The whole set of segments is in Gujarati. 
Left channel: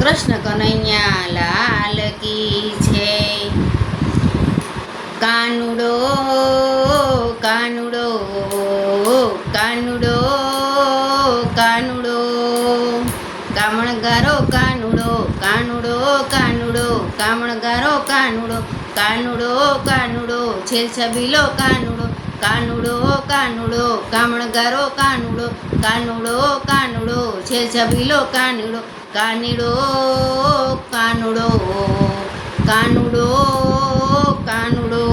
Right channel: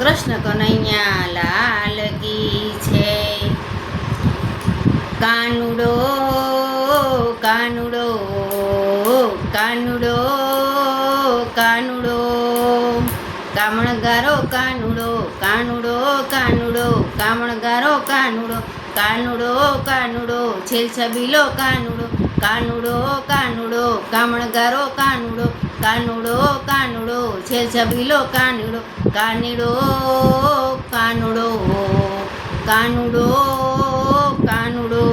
કૃષ્ણ કનૈયા લાલ કી છે. કાનુડો કાનુડો કાનુડો કાનુડો કામણગારો કાનુડો કાનુડો કાનુડો કામણગારો કાનુડો કાનુડો કાનુડો છેલછબીલો કાનુડો કાનુડો કાનુડો કામણગારો કાનુડો કાનુડો કાનુડો છેલછબીલો કાનુડો કાનુડો કાનુડો કાનુડો કાનુડો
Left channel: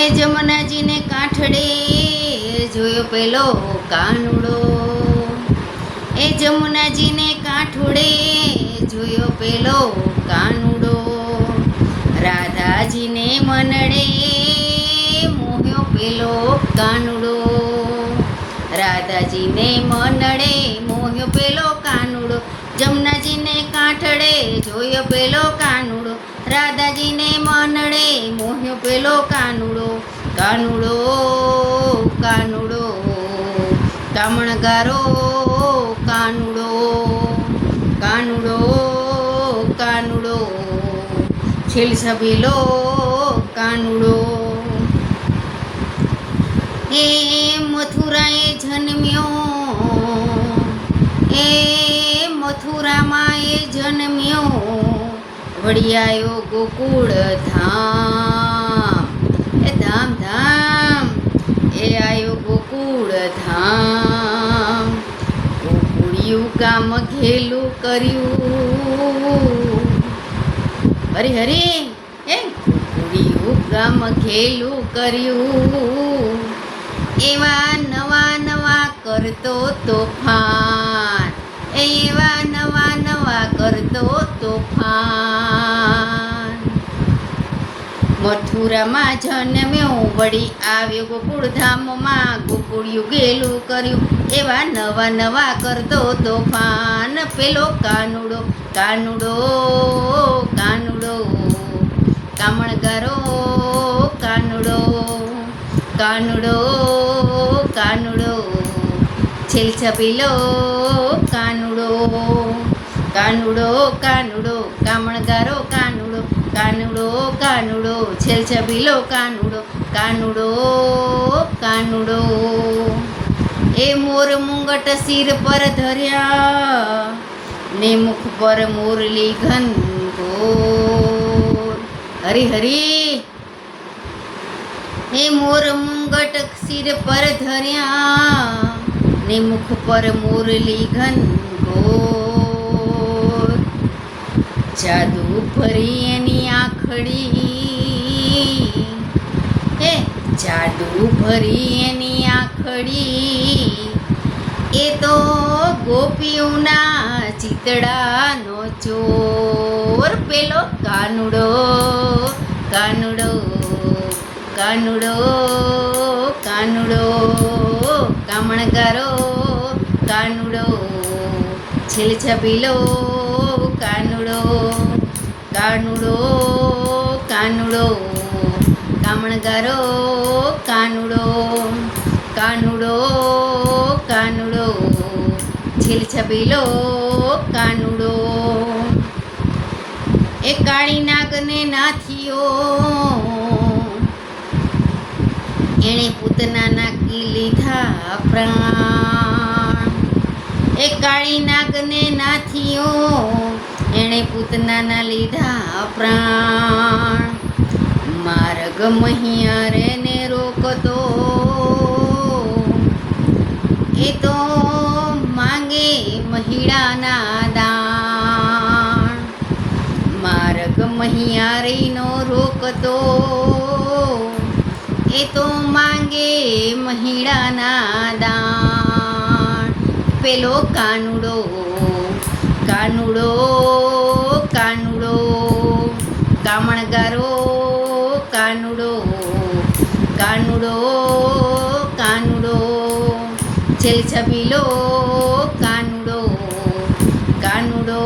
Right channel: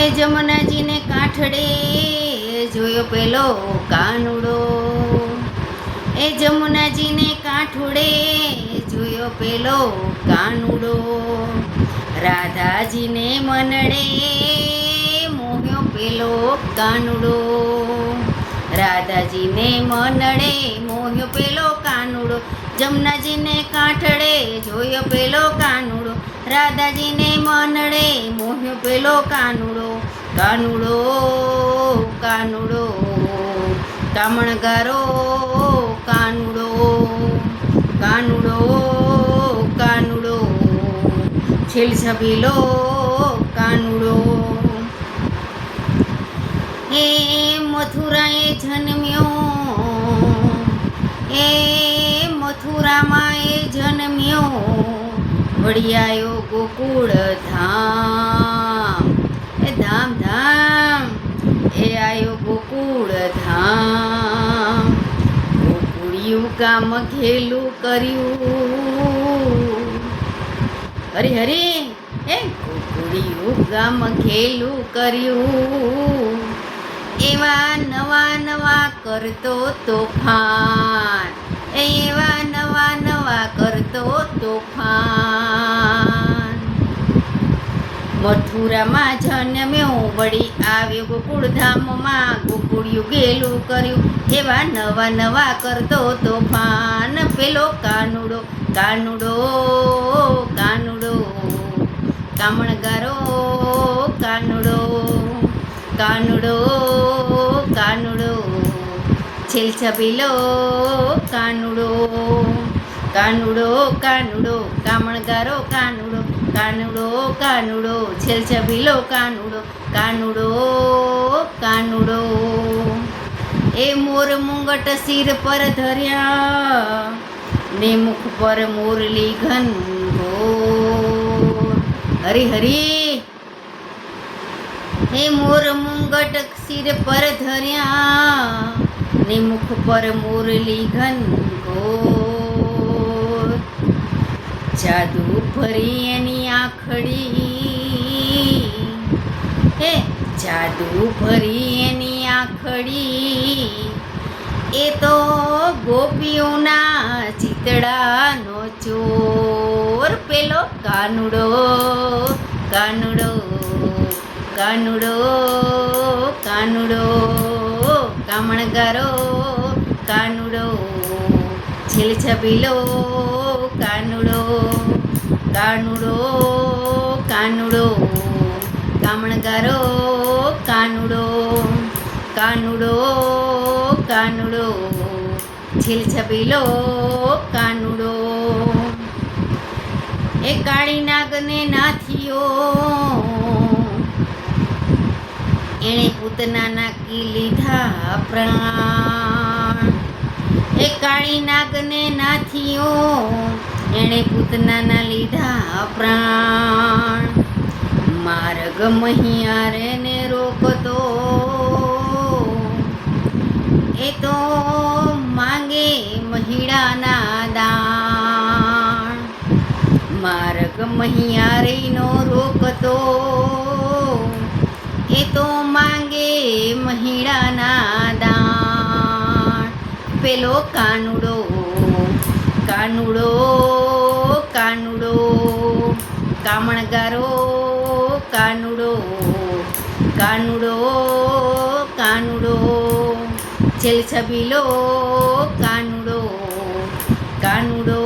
એ જમનાજીને કાંઠડે જોયો પેલો કાનુડો. એ જમુનાજીને કાંઠડે જોયો પેલો કાનુડો. રાધાજીને મનડે મોહ્યો પેલો કાનુડો. રાધાજીને મનડે મોહ્યો પેલો કાનુડો. જમનાજીને કાંઠડે જોયો પેલો કાનુડો. રાધાજીને મનડે મોહ્યો પેલો કાનુડો. કાનુડો કાનુડો કામણગારો કાનુડો કાનુડો કાનુડો છેલછબીલો કાનુડો. એ મથુરાએ જન્મ્યો એ મથુરામાં એ જન્મ્યો. વળી આવ્યો ગોકુળ ધામ એ ધામ ધામ એ આવ્યો ગોકુળ ધામ. ગોકુળિયું કામ ઘેલું કર્યું. હરી હરી હે ગોકુળિયું કામ ઘેલું કર્યું. એવા નવા નવા કરતો તોફાન એવા નવા નવા કરતો તોફાન. મથુરામાં જન્મ્યો વળી આવ્યો ગોકુળધામમાં. ગોકુળિયું ગેલું કર્યું એવા નવા નવા કરતો તોફાન. પેલો કાનુડો કાનુડો કાનુડો કામણગારો કાનુડો કાનુડો કાનુડો છેલછબીલો કાનુડો કાનુડો કાનુડો કામણગારો કાનુડો કાનુડો કાનુડો છેલછબીલો કાનુડો કાનુડો કાનુડો. એ મોર મુંગટ શિર પર ધર્યા ને મુખ પર મોરલી ઘનઘોર. હરી હરી હે મોર મુંગટ શિર પર ધર્યા ને મુખ પર મોરલી ઘનઘોર. જાદુ ફરી એની આંખડી હે જાદુ ફરી એની આંખડી. એ તો ગોપીઓના ચિતડાનો ચોર. પેલો કાનુડો કાનુડો કાનુડો કાનુડો કામણગારો કાનુડો છેલછબીલો કાનુડો કાનુડો કાનુડો કામણગારો કાનુડો કાનુડો કાનુડો છેલછબીલો કાનુડો. એ કાળી નાગને નાથિયો એણે પૂતનાના કી લીધા પ્રાણ. એ કાળી નાગને નાથિયો એણે પૂતનાના લીધા પ્રાણ. માર્ગ મહિયારે ને રોકતો એ તો માંગે મહિડાના દાણ. માર્ગ મહિયારીનો રોકતો એ તો માંગે મહિડાના દાણ. પેલો કાનુડો કાનુડો કાનુડો કામણગારો કાનુડો કાનુડો કાનુડો છેલછબીલો કાનુડો કાનુડો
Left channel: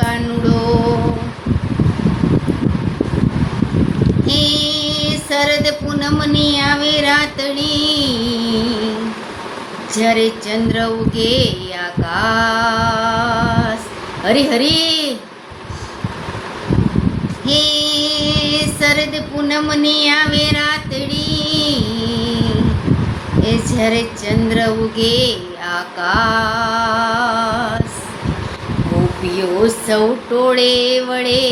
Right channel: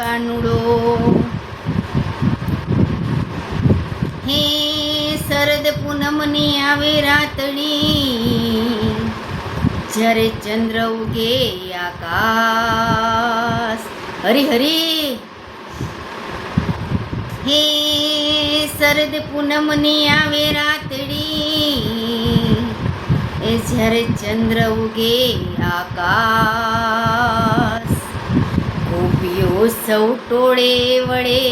કાનુડો. હે શરદ પૂનમની આવે રાતડી જ્યારે ચંદ્ર ઉગે આકાશ હરી હરી હે શરદ પૂનમની આવે રાતડી એ જ્યારે ચંદ્ર ઉગે આકાશ ગોપીઓ સૌ ટોળે વળે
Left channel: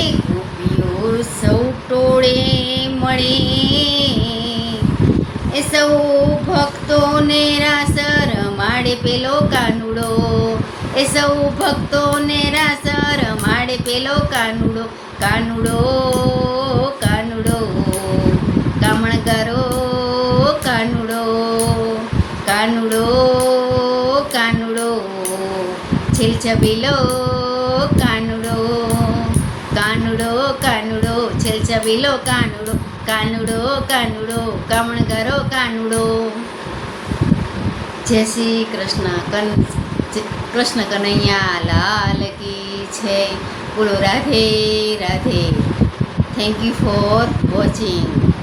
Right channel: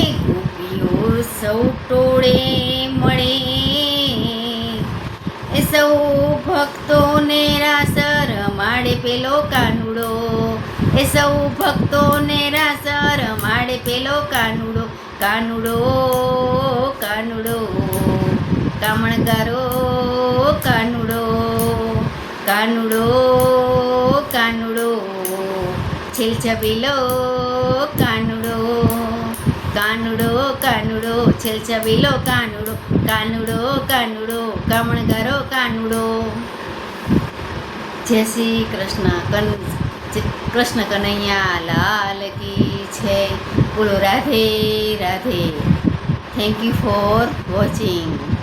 એ ગોપીઓ સૌ ટોળે મળે એ સૌ ભક્તોને રાસ રમાડે પેલો કાનુડો એ સૌ ભક્તોને રાસ રમાડે પેલો કાનુડો કાનુડો કાનુડો કામણગારો કાનુડો કાનુડો કાનુડો છેલછબીલો કાનુડો કાનુડો કાનુડો છેલછબીલો કાનુડો કાનુડો કાનુડો કામણગારો કાનુડો. જય શ્રી કૃષ્ણ કૃષ્ણ કનૈયા લાલ કી છે. બોલો Radhe Radhe. Thank you for watching.